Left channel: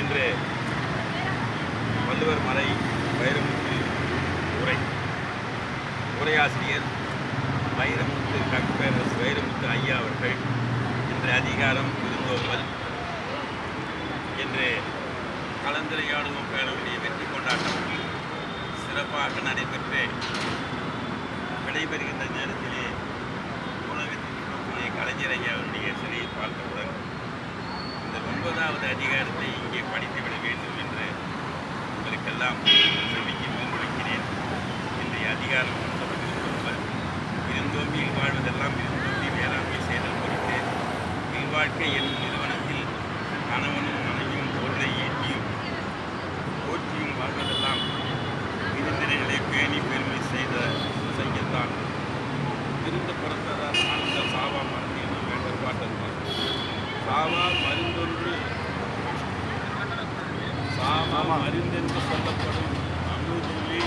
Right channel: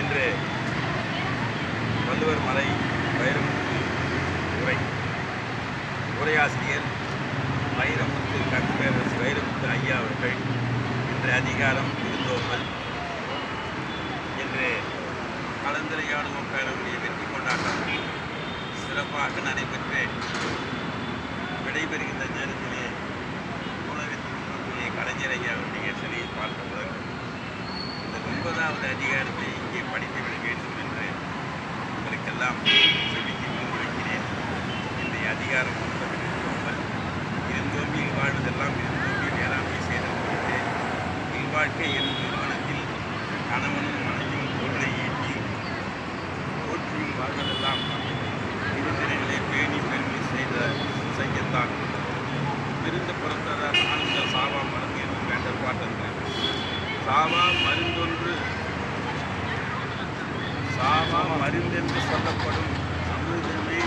இன்று வள்ளுவர் மலை வைரமுத்து உரை. உரையாசிரியர் வைரமுத்து கற்பேரரசு வைரமுத்து ஐயா அவர்கள் இன்று அதிகாரம் இருந்தோம்பல். என்று கலந்துரையாடுவோம் பேரவருடைய வெற்றி கொண்டாட்டம். சிறப்பாக நடைபெற்று விடைபெறுகின்ற நேரத்திலே உலகத்தின் கலைஞர் ஐயா அவருடைய சிலையை பார்த்தவுடன் ஒன்பதாவது அதிகாரத்தை இங்கே படித்துவிட வேண்டும் என்று உங்களுக்கெல்லாம் செவிக்கு முன்வைக்கிறேன் இன்றைய அதிகாரம் ஒன்பது விருந்தோம்பல் விருந்தோம்பியில் வாழ்வதெல்லாம் விருந்தோம்பி வேளாண்மை செய்தல் குறித்து இல்வாழ்க்கை என்னும் நிறுவனத்தில் கணவனும் மனைவியும் பொருளை ஈட்டியும் போற்றியும் வாழ்வதெல்லாம் விருந்தினர்களை பேணி பெருமை செய்த செய்யத்தான் விருந்து புறத்ததால் ஆழ்ந்த சாவா மருந்து என்னும் வேண்டற்பாட்டன்று சாவா மருந்தொன்று. சாவா மருந்தென்று சொல்லப்படும் அமிர்தமே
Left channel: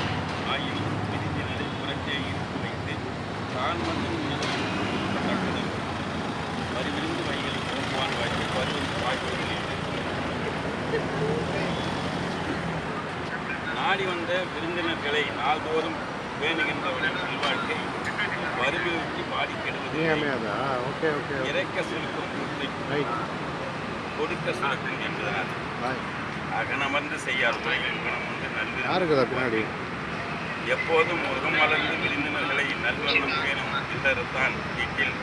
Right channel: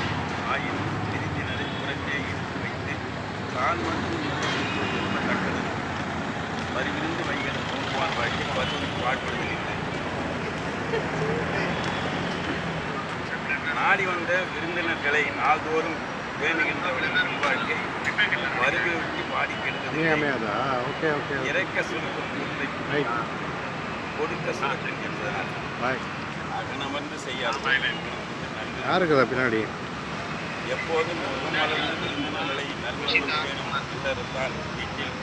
ஆயினும் பிரித்தினரை புறத்தே இருத்து வைத்து தான் மட்டும் தக்கதல் வரிவிருந்து வைகள் போக்குவான் வழியில் வருவது பாடுபடுதல் இல்லை. நாடி வந்த விருந்தினர்களை நாள்தோறும் பேணுகின்றவனின் நல்வாழ்க்கை வறுமை விட்டு பாடி கெடுவது நீங்கமே அதா ஓகே ஓகே இறக்க சுருக்கும் கூட்டை கொடுக்க சுரக்கும் என்பதனால் அகனமர்ந்து செய்யார் உறவின் குணம் வந்து யாருக்குதா பின்னாடி? எப்போதும் முகம் மலர்ந்து விருந்தினர்களை நல்வண்ணம் பேணும் இல்லறத்தான் வீட்டில்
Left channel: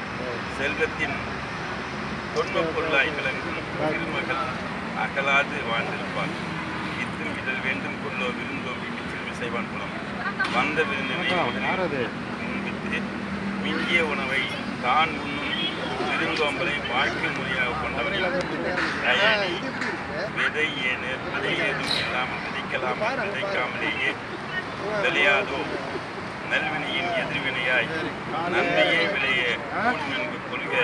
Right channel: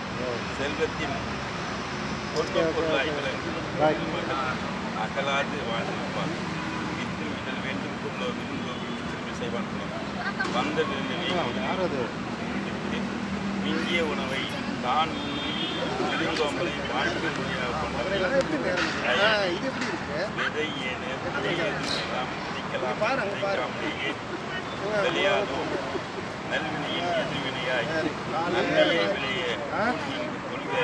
செல்வத்தின் தொன்மப் பொருளாய் விளங்கும் திருமகள் அகலாது வாழ்ந்திருப்பார் இத்திரும் இதழ் வேண்டும் கொள்ளோ விருந்தோம்பி செய்வான் குலம் வந்த விருந்தினை விரும்பித்து மிஞ்சிய உணவை தான் உண்ணும் விருந்தோம்பலை வாழ்க்கை முறையாக கொண்டவரை விதை ஏது விதை ஏதும் இல்லாமல் விதைக்கலாம் விதைக்காமலேயே விளையாதோ? நல்வினையின் எதிர்வினையாய் நன்மையே விளைய கூடும் என்பது கொள்க.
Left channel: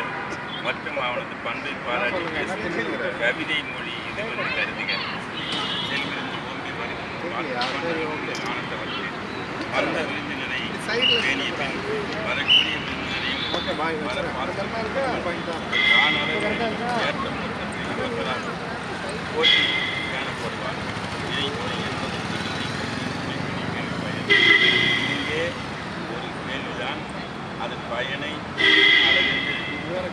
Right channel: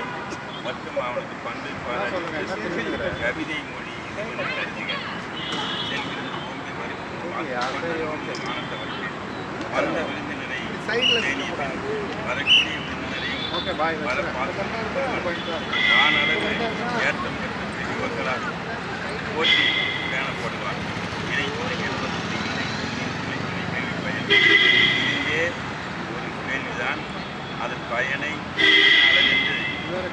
மற்றும் அவனது பண்பை பாராட்டி பேசும் கவிதை மொழி வருவது மானத்தவற்று வந்த விருந்தினரை பேணிய பின் வரக்கூடிய விருந்தினரையும் ஓகே பாய் வர பார்த்து வானளவு ஏற்றம் பெற்ற பெரியவர்களால் போற்றி பேணப்படுவார் இணை துணை என்பது இல்லை துணை துணை கேள்வி பயன் இங்கே ஒரு கேள்விதான் அதன் பயனை அளவென்று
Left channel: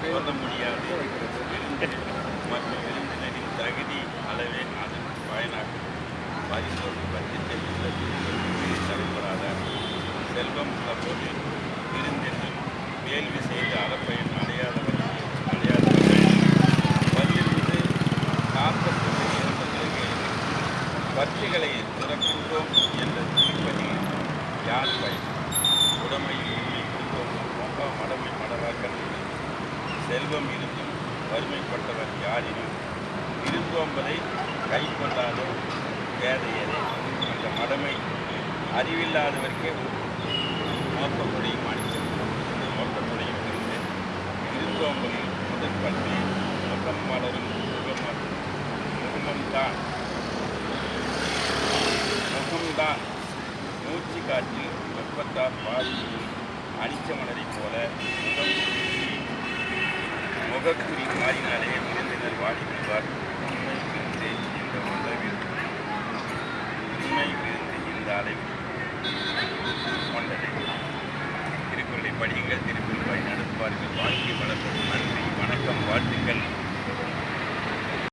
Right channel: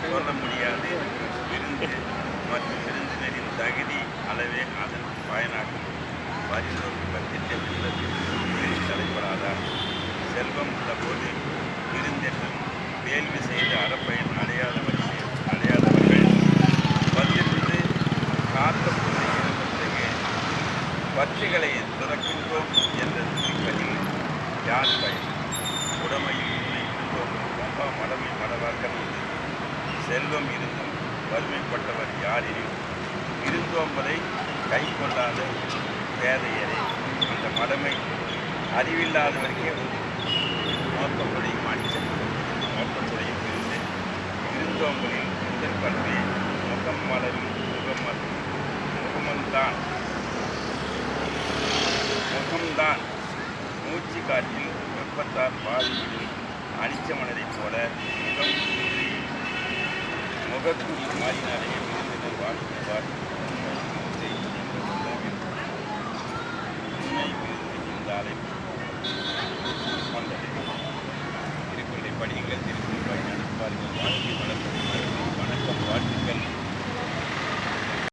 சொல்ல முடியாது விருந்து மற்றும் விருந்தினரின் தகுதி அளவே அதன் பயனாகும் பரிந்தோர் பட்சத்தில் உள்ளது என்பது தலைப்படாதார் செல்வம் உள்ளபோது விருந்தென்றும் வேள்வி செய்த அறப்பயன் அடையாதவர்கள் அடையாதவர்கள் வந்திருந்து காத்த பொருளை இழந்த பிறகு பற்றுகளை துறக்கின்றோம் என்ற துணிப்பதில் யார் பயன்? உடமையில் இல்லை இருந்தோம் ரொம்ப மடமை மடவாக்கன் உள்ளது செல்வம் இருந்தும் வறுமைப்பட்டவர் யாரெனில் இருந்தோம்பதை கை கொள்ளாத பேதையரே அந்த மடமை அறிவில்லாதவருக்கே மோப்பக்குடையும் அணிச்செல்வம் மோப்பக்குடையும் இருந்து இருந்தோம்பலில் முதல் பண்பே முகம் மலரும் முகமது முகமன்தான் முகம்தான். மூச்சு காற்றில் வெப்பத்தால் பாதிவிடும் அனிச்சமலரைப் போல முகம் முகக்குறி மாறினாலே விருந்தினர் வாடி விடுவார் உண்மை விருந்து என்ற உணவில் உண்மை விருந்து கொண்டது. திருக்குறளை படியுங்கள் திருக்குறள் வழி நடப்பார்கள் வாழ்க்கை வளர்ப்பது நன்றி வணக்கம் வாழ்த்துக்கள்.